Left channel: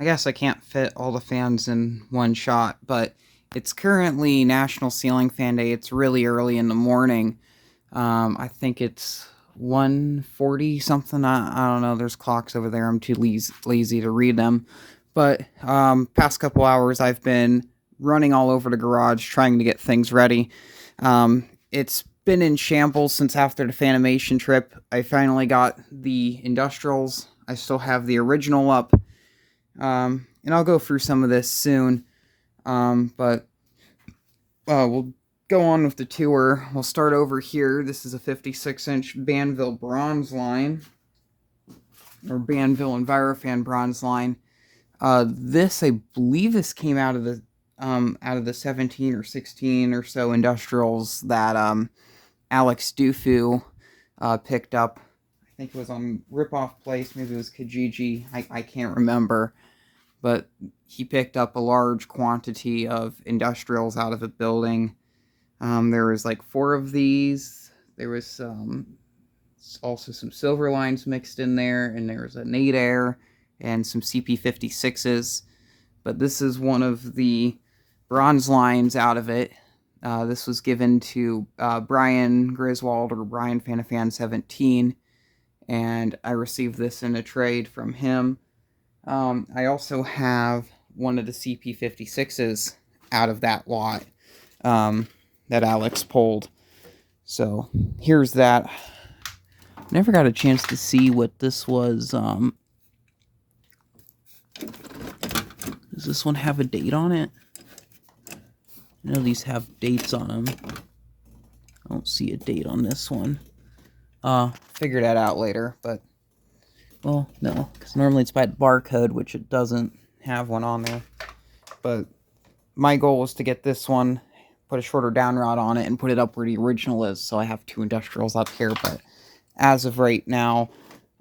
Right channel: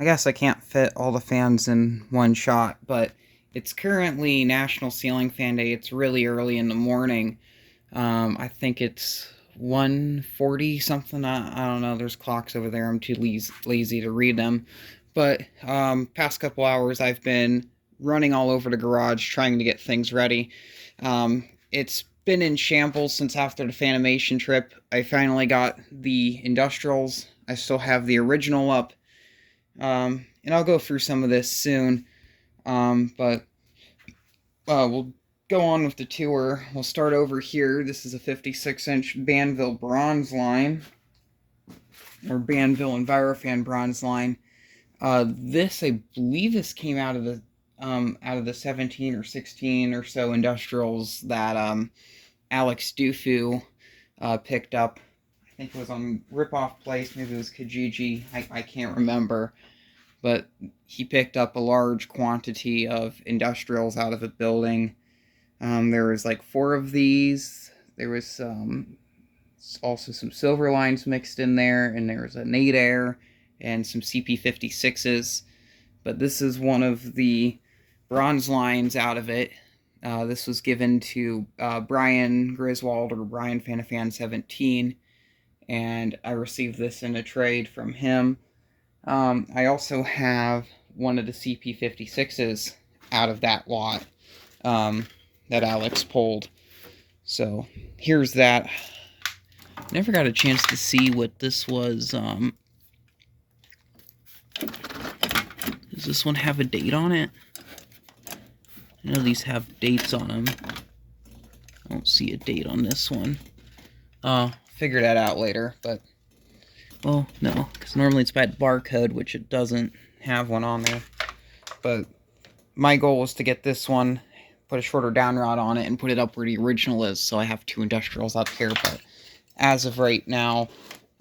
I guess I can't fit all the fans in one shot, but it's currently National Ceiling Fan Day. It's really early in the morning. I think it's 1:40 something. I don't know. There's clocks over there. I'm too lazy to read them. But past couple hours, I've been running all over the garage trying to get things ready. It's been in shambles since after the Fanimation trip. I finally got the Industrials. I still have the original up. And I'll go through some of this soon. But we'll go on with the tour. We'll start over here. This is a 56-inch Banville bronze line, or Banville Envirofan bronze line. This, I believe, this came out of the 17 or 16 or so industrials that Alex Dufu picked up. I think it was on Ripoff Place. Maybe it was Kijiji. I can't remember. But he picked up a large quantity of industrials out of the building. There was like 4 of these. There was also some silver lines mixed in there, and there was a Nadair and some CP56s. But this is one of the bronze lines out of it. This was given to Brian Griswold, or Brian Fanifan 17, and I received this in a trade from him. I also have one of the CP56s out of that lot that Alex pulled. So here's that. Never got a chance to see what this was. Does this one have a date on it? I know these have dates on them. I don't see a date on this one. Figure that out later, but... Well, no, because normally it's by barcode, which it doesn't have one on there. But my goal was to get this one, put a shorter down rod on it, and put it up where the original is, so I have 2 industrials up here. But as of right now,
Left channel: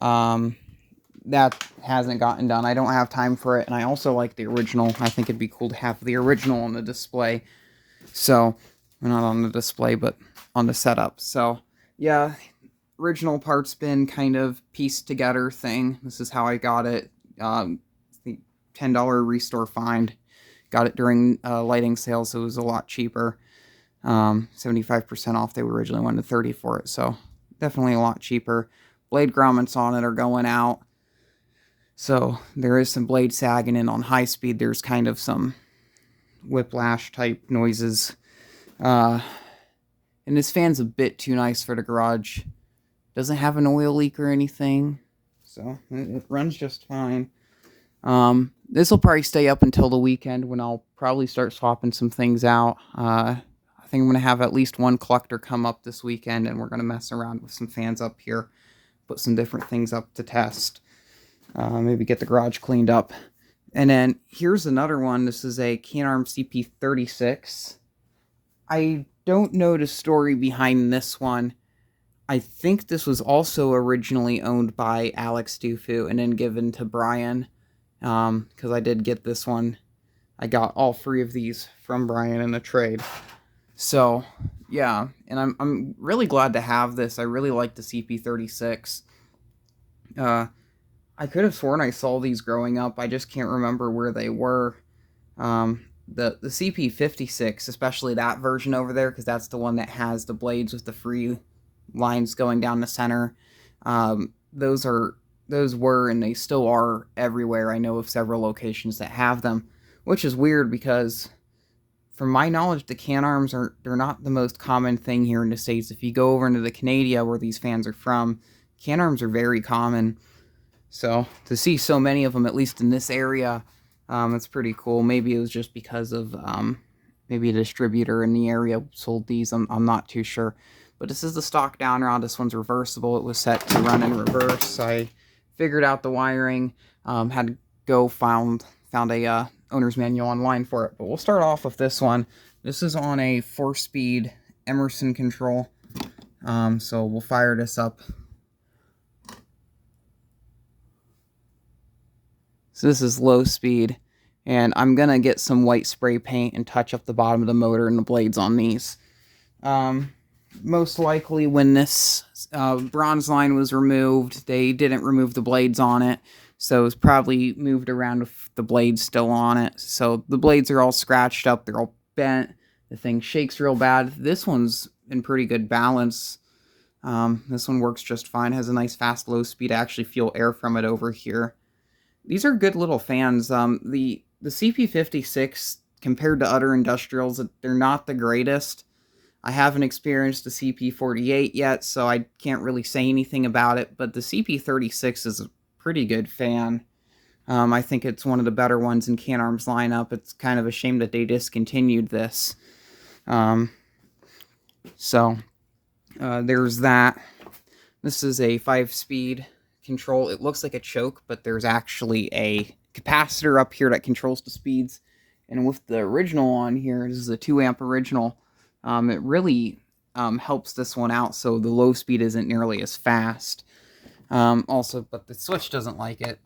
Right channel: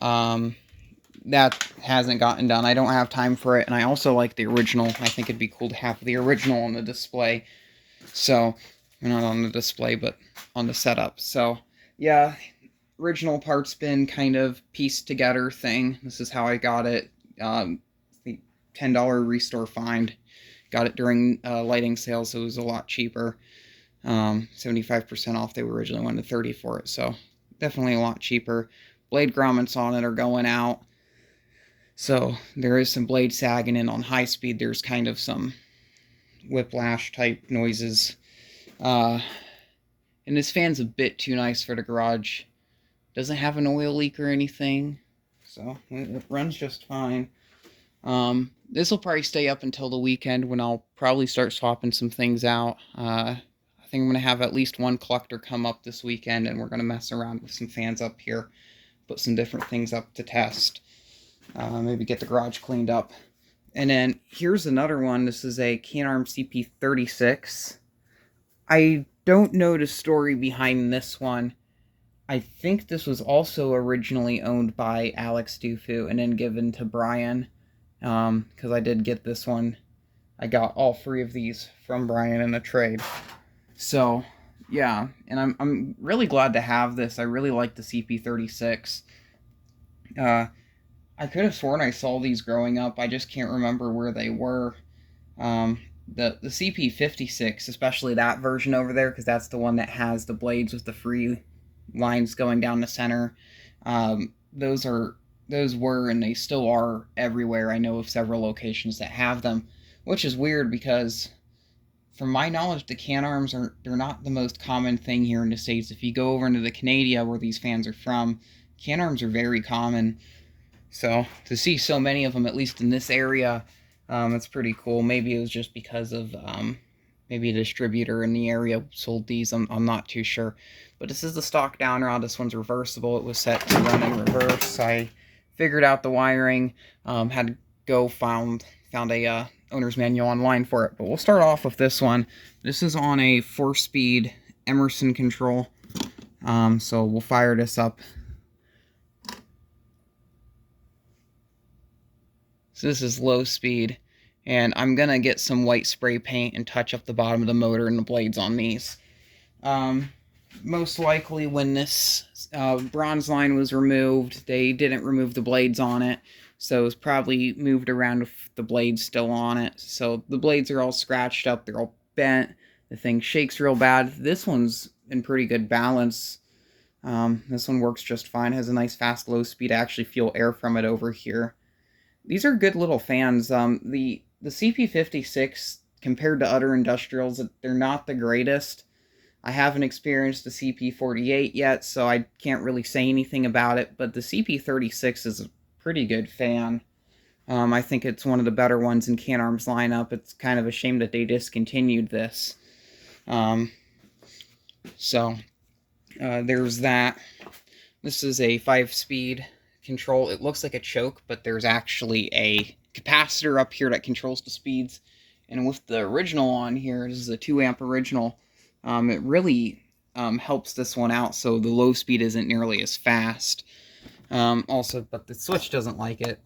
that hasn't gotten done. I don't have time for it, and I also like the original. I think it'd be cool to have the original on the display. So, not on the display, but on the setup. So, yeah, original parts bin kind of pieced together thing. This is how I got it. The $10 restore find. Got it during lighting sales, so it was a lot cheaper. 75% off. They originally wanted 30 for it, so definitely a lot cheaper. Blade grommets on it are going out. So there is some blade sagging, and on high speed there's kind of some whiplash type noises. And this fan's a bit too nice for the garage. Doesn't have an oil leak or anything, so it runs just fine. This will probably stay up until the weekend, when I'll probably start swapping some things out. I think I'm going to have at least one collector come up this weekend, and we're going to mess around with some fans up here. Put some different things up to test. Maybe get the garage cleaned up. And then here's another one. This is a Can-Arm CP36. I don't know the story behind this one. I think this was also originally owned by Alex Dufu and then given to Brian, because I did get this one. I got all 3 of these from Brian in a trade. So, yeah, and I'm really glad to have this. I really like the CP36. I could have sworn I saw these growing up. I just can't remember where they were. The CP56, especially that version over there, because that's the one that has the blades with the free lines going down the center. Those were, and they still are, everywhere. I know of several locations that have them, which is weird because, from my knowledge, the Can-Arms they're not the most common thing here in the States. If you go over into the Canada, where these fans are from, Can-Arms are very common. So to see so many of them, at least in this area, it's pretty cool. Maybe it was just because of maybe a distributor in the area sold these. I'm not too sure. But this is the stock down rod. This one's reversible. It was set to run in reverse. I figured out the wiring. Had to go found a owner's manual online for it. But we'll start off with this one. This is on a 4-speed Emerson control. So we'll fire this up. So this is low speed. And I'm going to get some white spray paint and touch up the bottom of the motor and the blades on these. Most likely when this bronze line was removed, they didn't remove the blades on it. so it's probably moved around with the blades still on it. So the blades are all scratched up, they're all bent, the thing shakes real bad. This one's in pretty good balance. This one works just fine, has a nice fast low speed. I actually feel air from it over here. These are good little fans. The CP56, compared to other industrials, they're not the greatest. I haven't experienced the CP48 yet, so I can't really say anything about it, but the CP36 is a pretty good fan. I think it's one of the better ones in Can-Arm's lineup. It's kind of a shame that they discontinued this. There's that. This is a 5-speed control. It looks like a choke, but there's actually a capacitor up here that controls the speeds. And with the original on here, this is a 2-amp original, it really helps this one out, so the low speed isn't nearly as fast. Also, but the switch doesn't like it.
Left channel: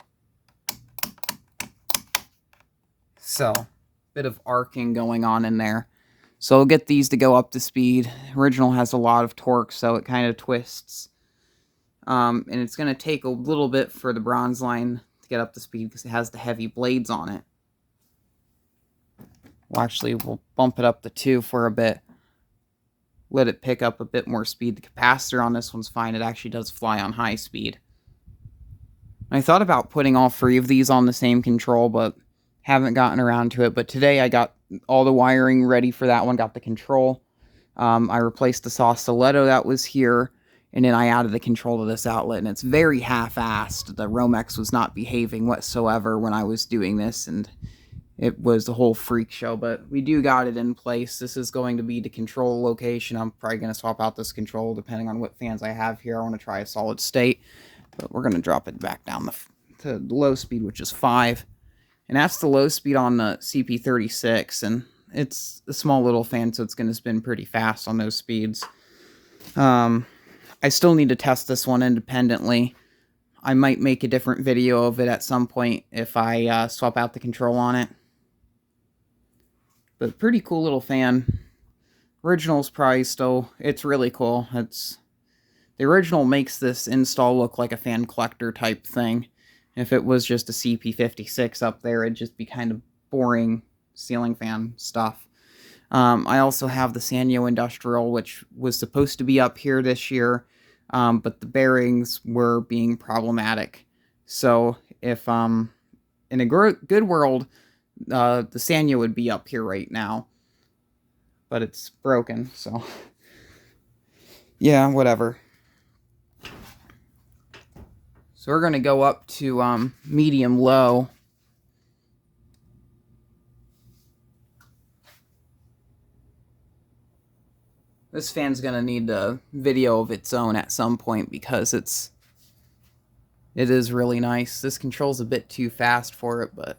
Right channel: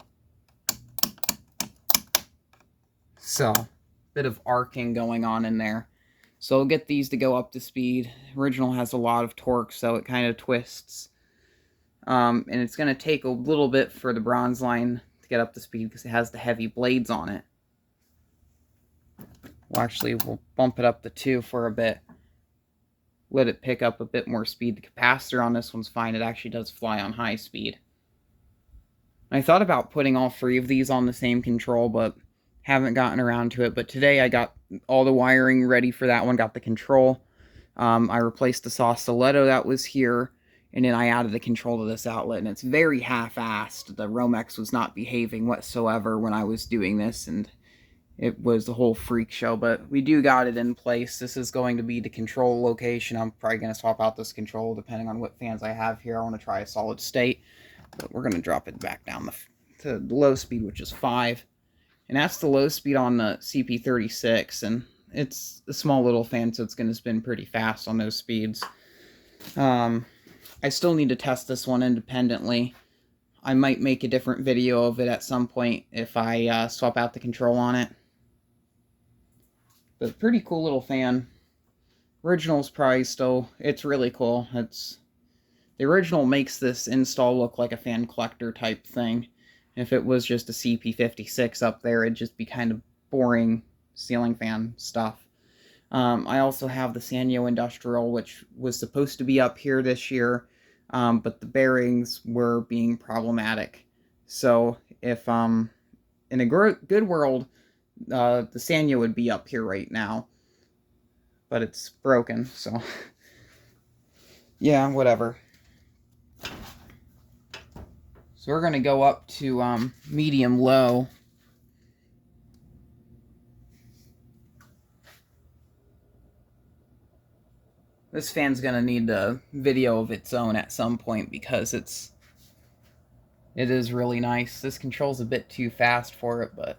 So, bit of arcing going on in there. So we'll get these to go up to speed. Original has a lot of torque, so it kind of twists. And it's going to take a little bit for the bronze line to get up to speed because it has the heavy blades on it. We'll bump it up to 2 for a bit. Let it pick up a bit more speed. The capacitor on this one's fine. It actually does fly on high speed. I thought about putting all 3 of these on the same control, but haven't gotten around to it. But today I got all the wiring ready for that one. Got the control. I replaced the saw stiletto that was here, and then I added the control to this outlet, and it's very half-assed. The Romex was not behaving whatsoever when I was doing this, and it was a whole freak show, but we do got it in place. This is going to be the control location. I'm probably going to swap out this control depending on what fans I have here. I want to try a solid state, but we're going to drop it back down to the low speed, which is 5. And that's the low speed on the CP36, and it's a small little fan, so it's going to spin pretty fast on those speeds. I still need to test this one independently. I might make a different video of it at some point if I swap out the control on it. But pretty cool little fan. Original's probably still, it's really cool. The original makes this install look like a fan collector type thing. If it was just a CP56 up there, it'd just be kind of boring ceiling fan stuff. I also have the Sanyo Industrial, which was supposed to be up here this year, but the bearings were being problematic. So if in a good world, the Sanyo would be up here right now, but it's broken, so yeah, whatever. So we're going to go up to medium-low. This fan's going to need a video of its own at some point because it is really nice. This control's a bit too fast for it, but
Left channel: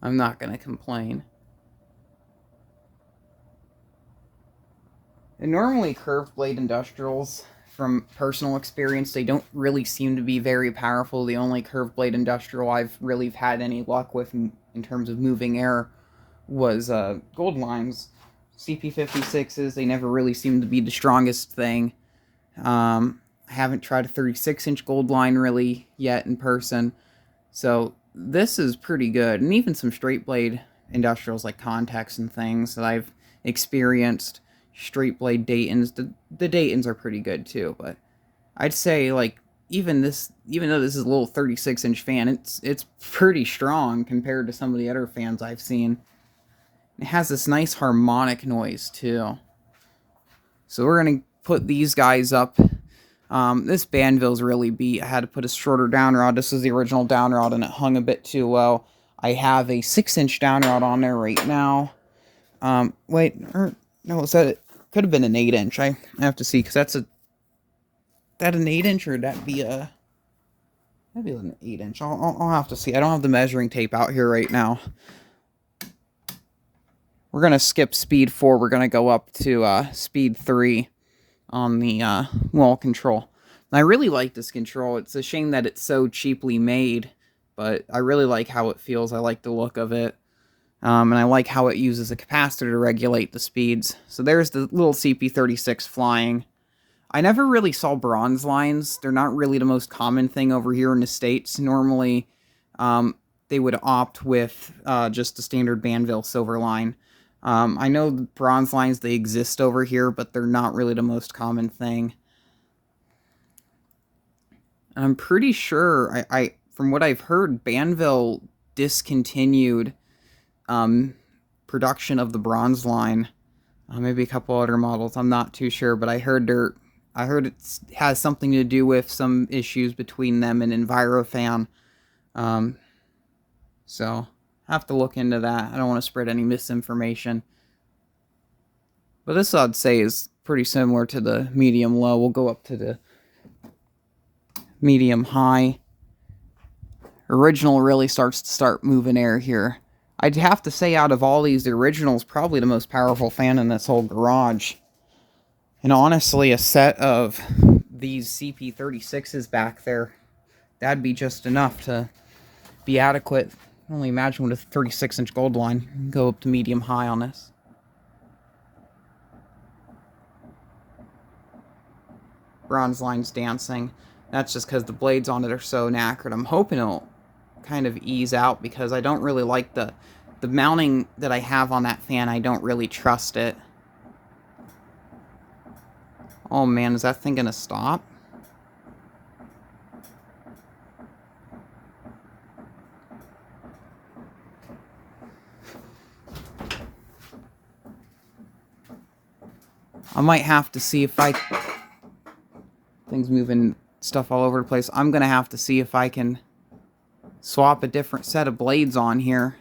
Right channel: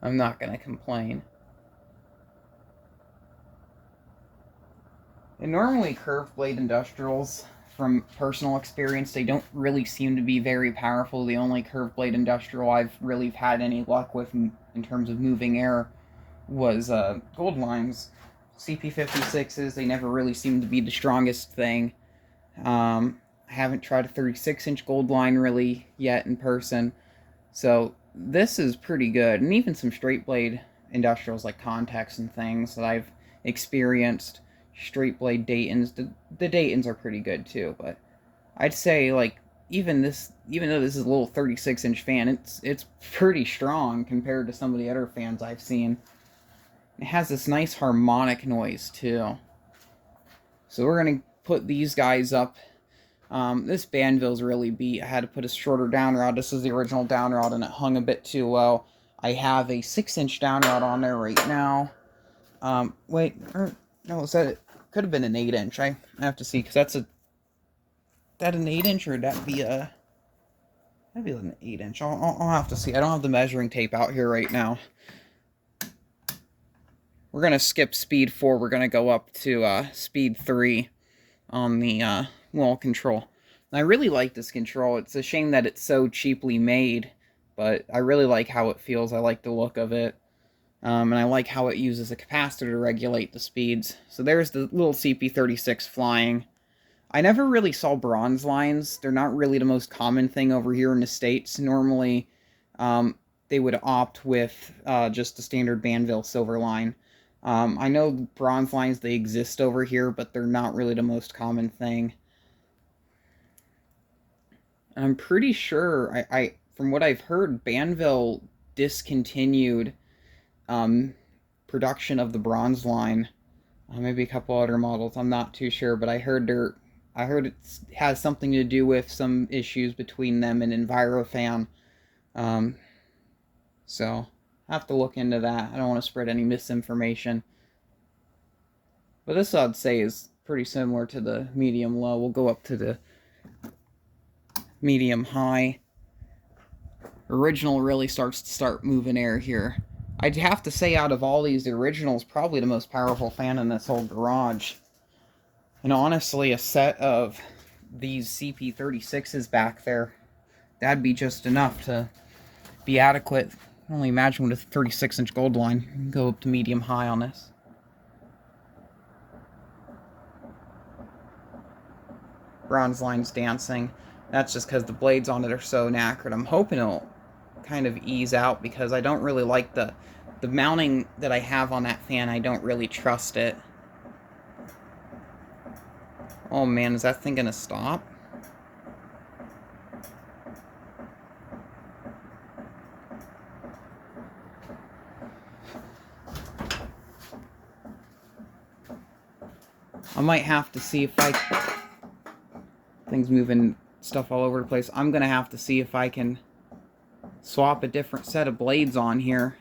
I'm not going to complain. And normally curved blade industrials, from personal experience, they don't really seem to be very powerful. The only curved blade industrial I've really had any luck with in terms of moving air was Goldline's. CP56s, they never really seem to be the strongest thing. I haven't tried a 36-inch Goldline really yet in person, so this is pretty good. And even some straight blade industrials like Contex and things that I've experienced, straight blade Daytons, the Daytons are pretty good too, but I'd say, like, even though this is a little 36-inch fan, it's pretty strong compared to some of the other fans I've seen. It has this nice harmonic noise too. So we're gonna put these guys up. This Banville's really beat. I had to put a shorter down rod. This was the original down rod and it hung a bit too low. I have a 6-inch down rod on there right now. Wait, no, is that it? Could have been an 8-inch. I have to see, because that an 8-inch, or that'd be an 8-inch. I'll have to see. I don't have the measuring tape out here right now. We're gonna skip speed 4. We're gonna go up to speed 3 on the wall control. And I really like this control. It's a shame that it's so cheaply made, but I really like how it feels. I like the look of it. And I like how it uses a capacitor to regulate the speeds. So there's the little CP36 flying. I never really saw bronze lines. They're not really the most common thing over here in the States. Normally, they would opt with just the standard Banville silver line. I know bronze lines, they exist over here, but they're not really the most common thing. And I'm pretty sure, from what I've heard, Banville discontinued production of the bronze line. Maybe a couple other models. I'm not too sure, but I heard it has something to do with some issues between them and Envirofan. So I have to look into that. I don't want to spread any misinformation. But this I'd say is pretty similar to the medium low. We'll go up to the medium high. Original really starts to moving air here. I'd have to say out of all these, the original is probably the most powerful fan in this whole garage. And honestly, a set of these CP36s back there, that'd be just enough to be adequate. I can only imagine with a 36-inch gold line. Go up to medium high on this. Bronze line's dancing. That's just because the blades on it are so knackered. I'm hoping it'll kind of ease out because I don't really like the mounting that I have on that fan. I don't really trust it. Oh man, is that thing gonna stop? I might have to see if things moving stuff all over the place. I'm gonna have to see if I can swap a different set of blades on here,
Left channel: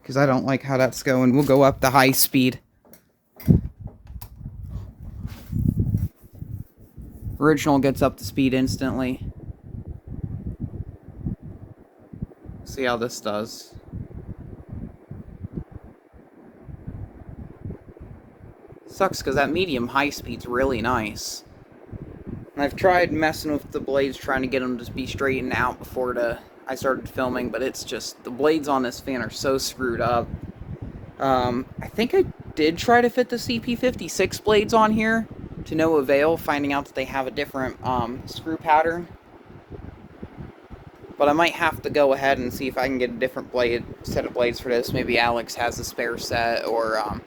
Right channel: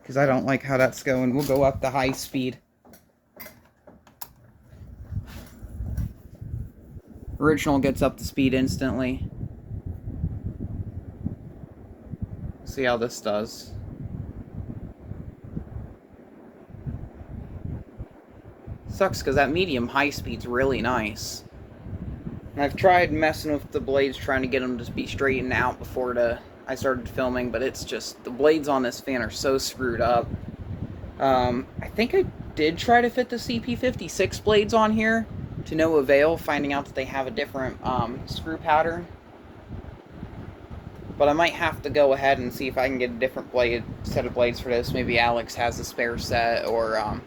because I don't like how that's going. We'll go up to high speed. Original gets up to speed instantly. See how this does. Sucks because that medium high speed's really nice. And I've tried messing with the blades, trying to get them to be straightened out before I started filming, but it's just, the blades on this fan are so screwed up. I think I did try to fit the CP56 blades on here, to no avail, finding out that they have a different screw pattern. But I might have to go ahead and see if I can get a different set of blades for this. Maybe Alex has a spare set, or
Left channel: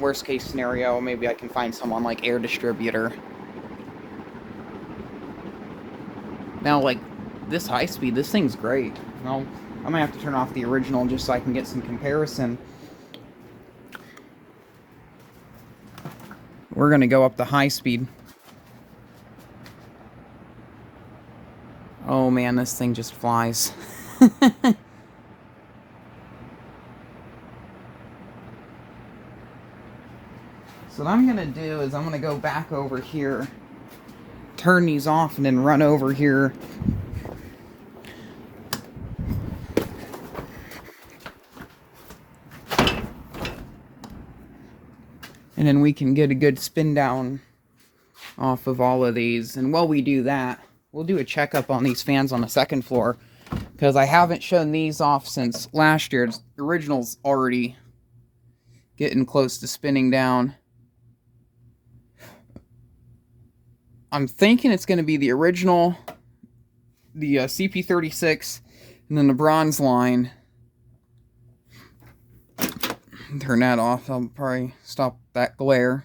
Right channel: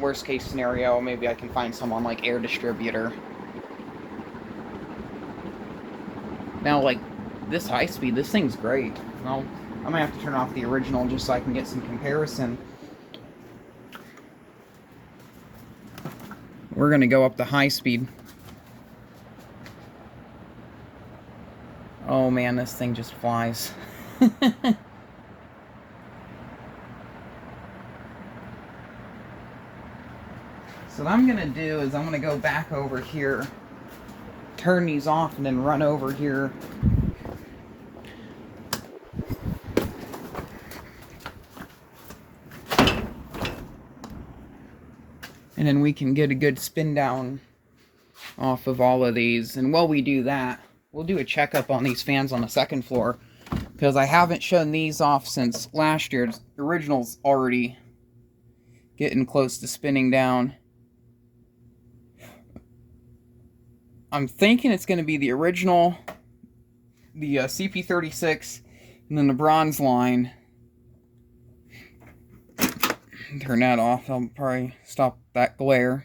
worst case scenario, maybe I can find someone like Air Distributor. Now, like, this high speed, this thing's great. Well, I might have to turn off the original just so I can get some comparison. We're going to go up to high speed. Oh man, this thing just flies. So what I'm going to do is I'm going to go back over here, turn these off, and then run over here. And then we can get a good spin down off of all of these. And while we do that, we'll do a checkup on these fans on the second floor, because I haven't shown these off since last year. The original's already getting close to spinning down. I'm thinking it's going to be the original, the CP36, and then the bronze line. Turn that off. I'll probably stop that glare.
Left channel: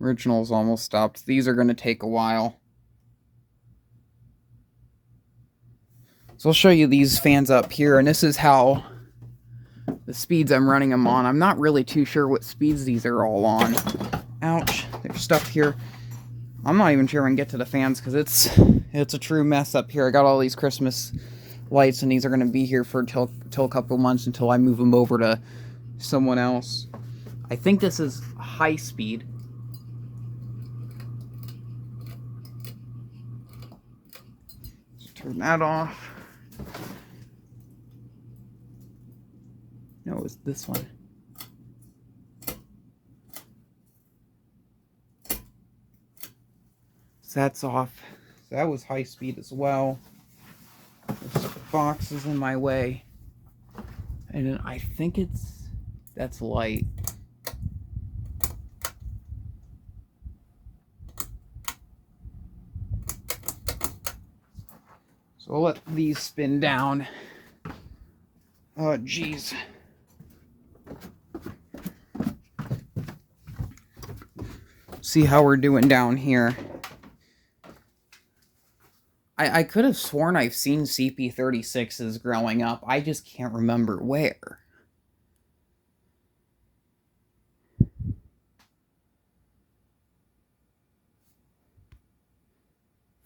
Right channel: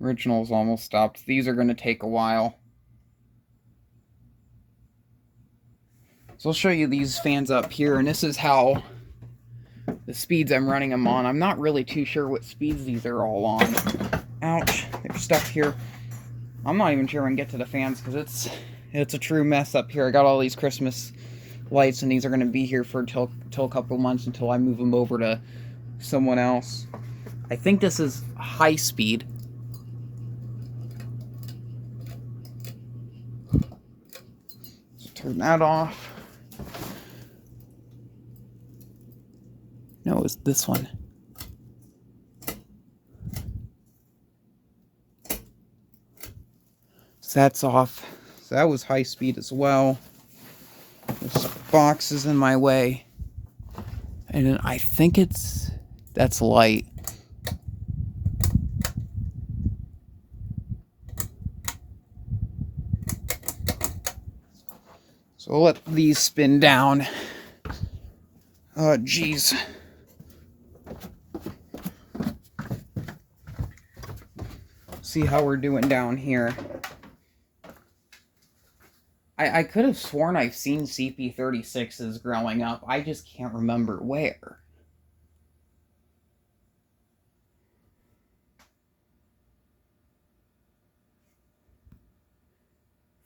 Original's almost stopped. These are going to take a while. So I'll show you these fans up here, and this is how the speeds I'm running them on. I'm not really too sure what speeds these are all on. Ouch, they're stuck here. I'm not even sure I can get to the fans because it's a true mess up here. I got all these Christmas lights, and these are going to be here for till a couple months until I move them over to someone else. I think this is high speed. So turn that off. No, it was this one. So that's off. So that was high speed as well. There's boxes in my way. And I think that's light. So we'll let these spin down. Oh, geez. See how we're doing down here. I could have sworn I've seen CP36s growing up. I just can't remember where.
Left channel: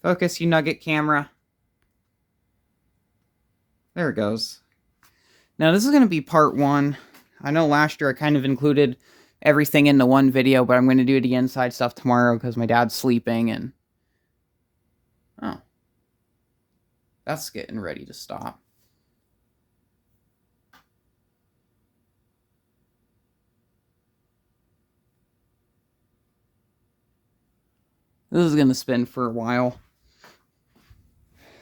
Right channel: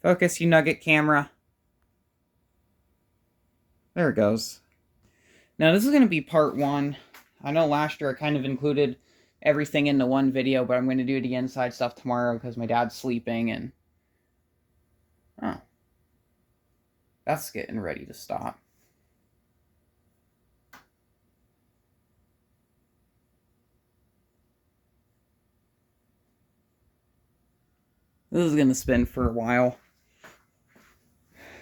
Focus, you nugget camera. There it goes. Now, this is going to be part 1. I know last year I kind of included everything into one video, but I'm going to do the inside stuff tomorrow because my dad's sleeping and... Oh. That's getting ready to stop. This is going to spin for a while.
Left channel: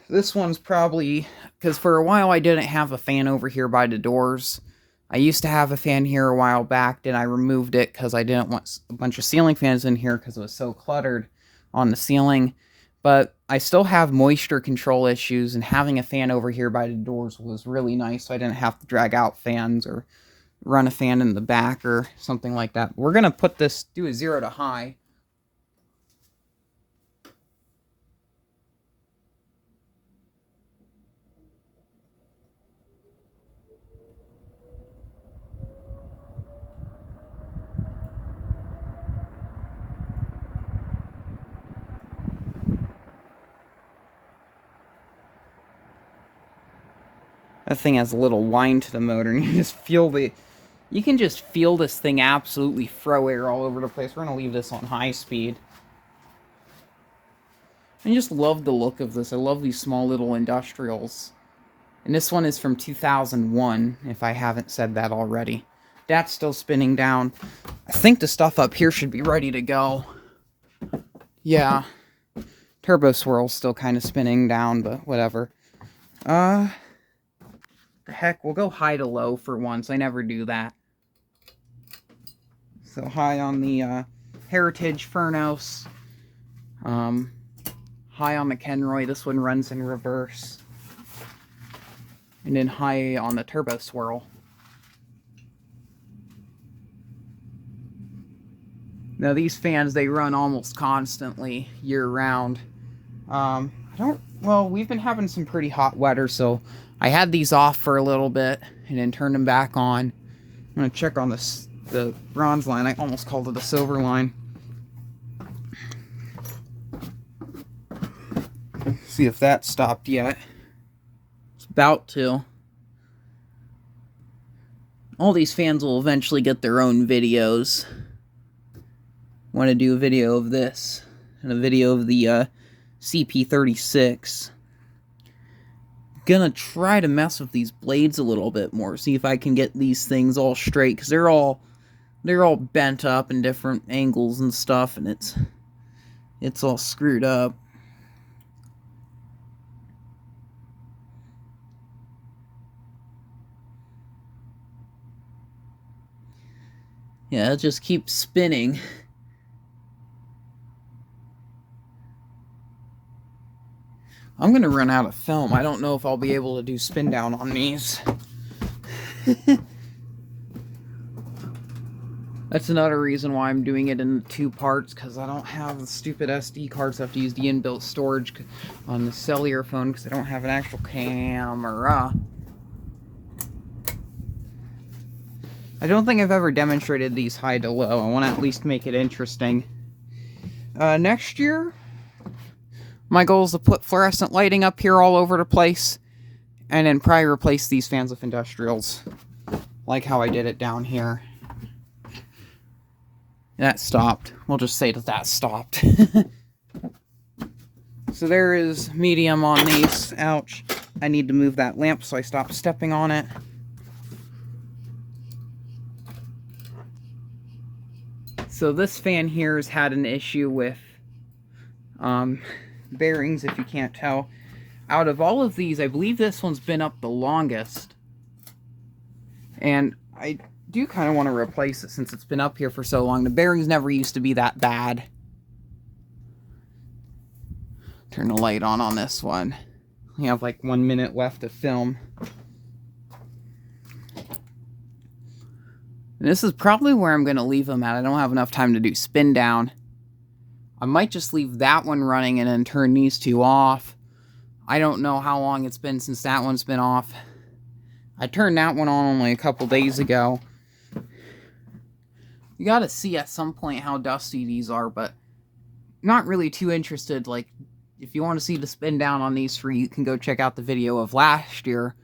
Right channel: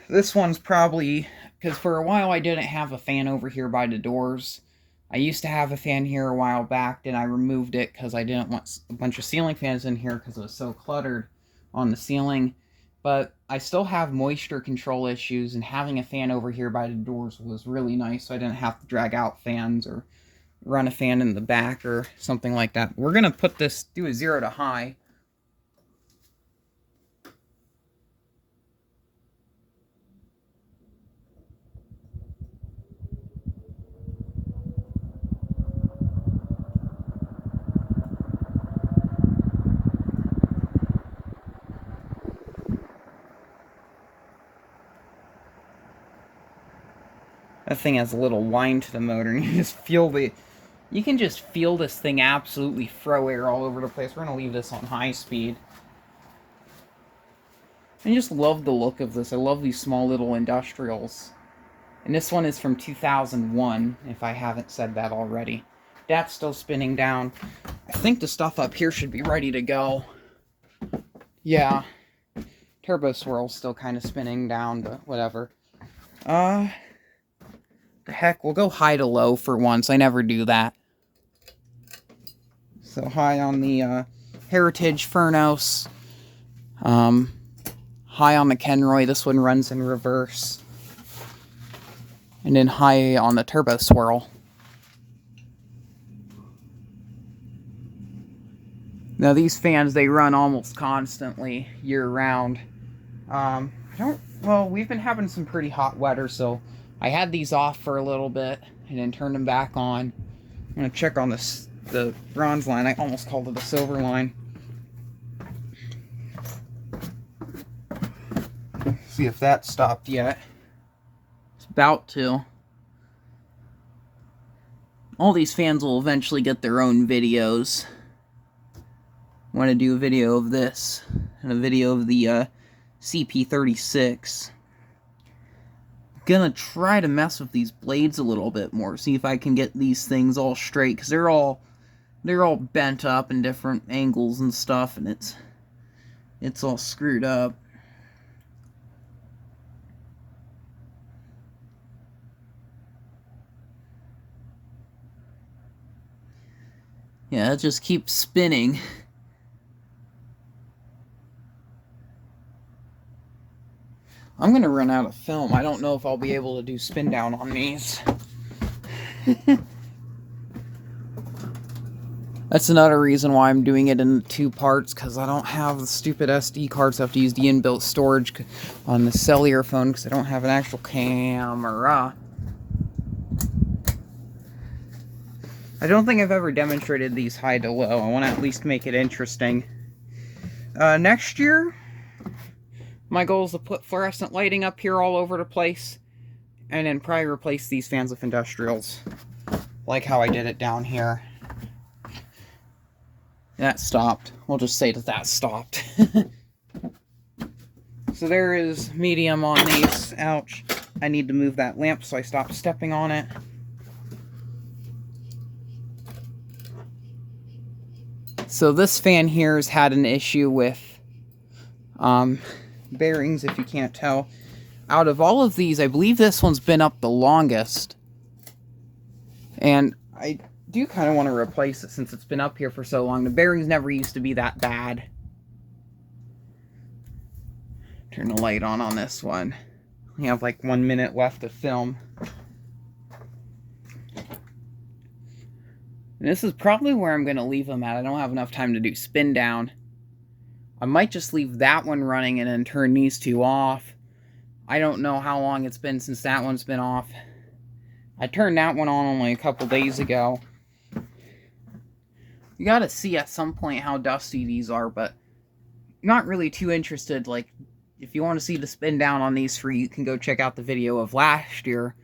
This one's probably... Because for a while I didn't have a fan over here by the doors. I used to have a fan here a while back, then I removed it because I didn't want a bunch of ceiling fans in here because it was so cluttered on the ceiling. But I still have moisture control issues, and having a fan over here by the doors was really nice, so I didn't have to drag out fans or run a fan in the back or something like that. We're going to put this, do a 0 to high. That thing has a little whine to the motor, and you just feel the... You can just feel this thing absolutely throw air all over the place. We're going to leave this on high speed. I just love the look of this. I love these small little industrials. And this one is from 2001, if I haven't said that already. That's still spinning down. I think the stuff up here should be ready to go. Yeah. Turbo Swirl's still kind of spinning down, but whatever. The heck, we'll go high to low for once. I never do that. So high on the Heritage Furnos. High on the Kenroy. This one runs in reverse. And then high on the Turbo Swirl. Now these fans, they run almost constantly, year-round. Well, we've been having some pretty hot weather, so I had these off for a little bit, and then turned them back on. I'm going to check on the bronze line. I almost called it the silver line. See if that stopped yet. It's about to. All these fans will eventually get their own videos. I want to do a video of this, and a video of the CP36. Gonna try to mess with these blades a little bit more, see if I can get these things all straight, because they're all bent up in different angles and stuff, and it's all screwed up. Yeah, it just keeps spinning. I'm going to run out of film. I don't know if I'll be able to do spin down on these. That's another reason why I'm doing it in 2 parts, because I don't have the stupid SD cards. I have to use the inbuilt storage on the cellular phone, because I don't have an actual camera. I don't think I've ever demonstrated these high to low. I want to at least make it interesting. Next year, my goal is to put fluorescent lighting up here all over the place, and then probably replace these fans with industrials, like how I did it down here. That stopped. We'll just say that stopped. So there is medium on these. Ouch. I need to move that lamp so I stop stepping on it. So this fan here has had an issue with bearings, if you can't tell. Out of all of these, I believe this one's been up the longest. And I do kind of want to replace it since it's been up here for so long. The bearings never used to be that bad. Turn the light on this one. We have like 1 minute left of film. And this is probably where I'm going to leave them at. I don't have enough time to do spin down. I might just leave that one running and then turn these two off. I don't know how long it's been since that one's been off. I turned that one on only a couple days ago. You gotta see at some point how dusty these are, but not really too interested. Like, if you want to see the spin down on these free, you can go check out the video of last year,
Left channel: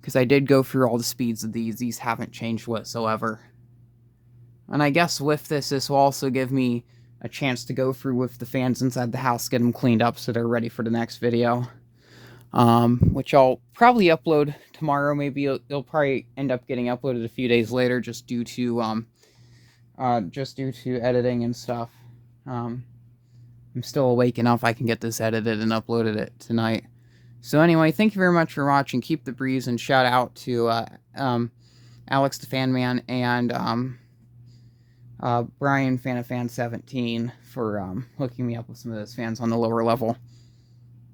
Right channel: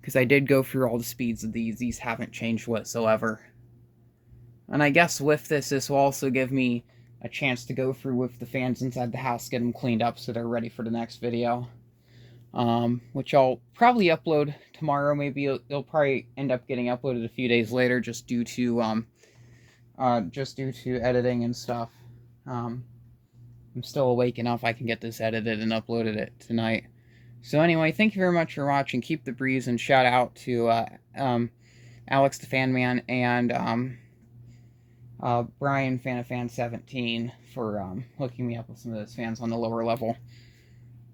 because I did go through all the speeds of these. These haven't changed whatsoever. And I guess with this will also give me a chance to go through with the fans inside the house, get them cleaned up so they're ready for the next video. Which I'll probably upload tomorrow. Maybe it'll probably end up getting uploaded a few days later, just due to editing and stuff. I'm still awake enough I can get this edited and uploaded it tonight. So anyway, thank you very much for watching. Keep the breeze, and shout out to Alex the Fan Man and Brian Fan of Fan 17 for hooking me up with some of those fans on the lower level.